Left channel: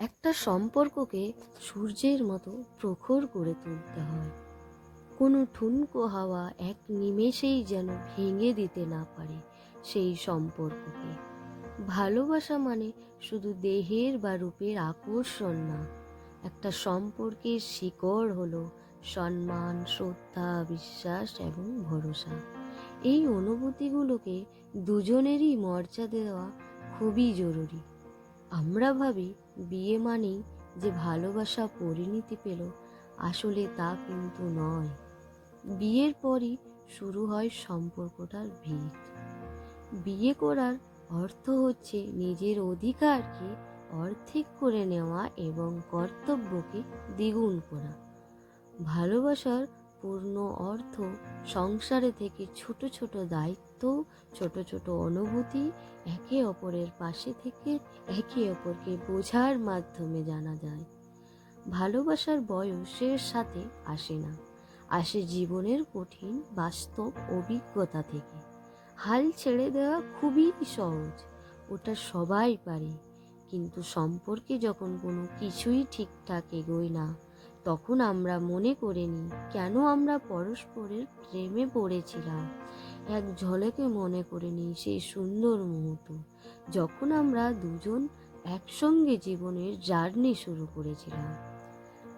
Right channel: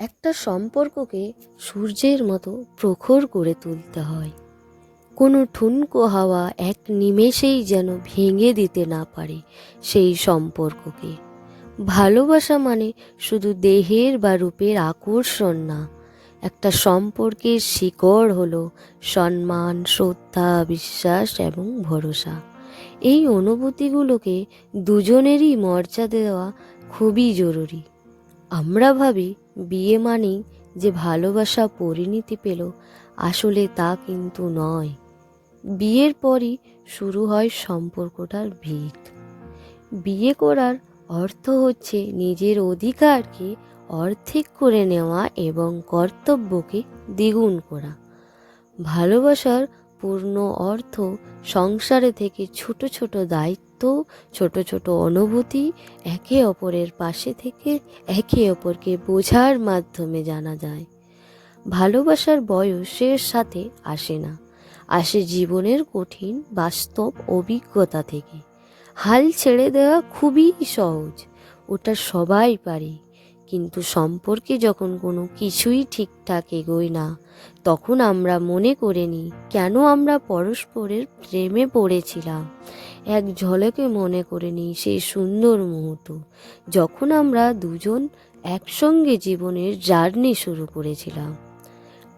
একটা সম্পর্ককে সূর্যের মতো প্রখর করে তুলতে হয়। কোনো ঠুনকো হাওয়া এক নিমেষেই যেন ভেঙে দিতে না পারে সেই সম্পর্ককে। ভালোবাসা মানে শুধু দেহের বা রূপের আকর্ষণ না, একটা সম্পর্কের শিকড় হলো সম্মান, শ্রদ্ধা, বিশ্বাস এবং ভরসা। এই অনুভূতিগুলোকে দুজনেরই মর্যাদা দেওয়া খুবই জরুরি। আমরা ভাবি বিয়ে মানেই যে ভালোবাসা পরিণতি পেল, আসলে তা কিন্তু নয়। বিয়ের পরই শুরু হয় সম্পর্কটার ভিত। বিয়ে করার অর্থ হচ্ছে নিজের অধিকারকে অর্ধেক করে নেওয়া এবং কর্তব্যকে দ্বিগুণ করা। ভালোবাসার পূর্ণ অর্থ সংসারে থেকে ছোট ছোট দায়িত্ব, ছোট ছোট অনুভূতি একে অপরের পাশে থেকে একে অপরকে বোঝার মাধ্যমে জানা যায়। ভালোবাসার বয়সের সাথে আসে না। আসে জীবনের কঠিন, বাস্তব অভিজ্ঞতা থেকে। হাল ছেড়ে দেওয়া খুবই সহজ। ওটা সবাই পারে। কিন্তু সম্পর্কে যখন কোনো কিছুই ঠিকঠাক এগোয় না, তখন আমরা মনে করে নিই, কেন আমরা পরস্পরের প্রেমে পড়েছিলাম? এক ঝলকে মনে করে নিই সেই সুন্দর মুহূর্ত, যখন আমরা দুজন একসঙ্গে জীবনের জার্নি শুরু করেছিলাম।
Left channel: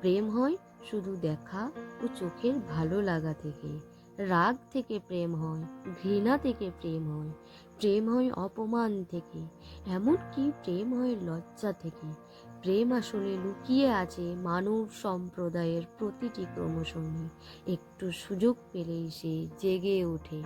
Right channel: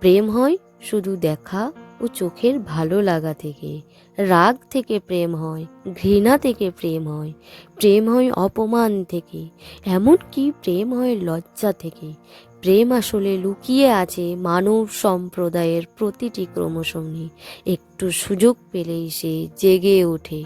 প্রেম হয় শুধু দেখা ও চোখের ভালো লাগা থেকে। রাগ থেকে প্রেম হয়, ঘৃণা থেকে প্রেম হয় প্রেম হয় অপমান থেকে। এমনকি প্রেম হয় লজ্জা থেকে। প্রেম আসলে লুকিয়ে আছে মানব সম্প্রদায়ের প্রতিটি ক্রমশমে একটু সুযোগ পেলেই সে জেগে ওঠে।